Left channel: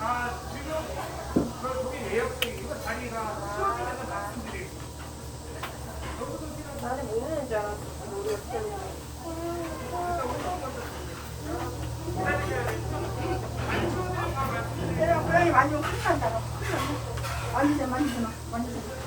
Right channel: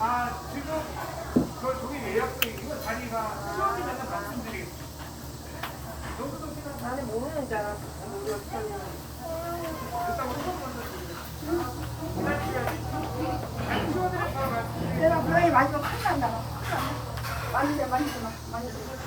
아, 지금 저기 예약돼 이거 자리가 수업이면 말씀드리고. 나는 모르는 줄 알았어. 내가 고양이 많이 좀 큰다. 많이 돼, 많이 주나. 많이 돼.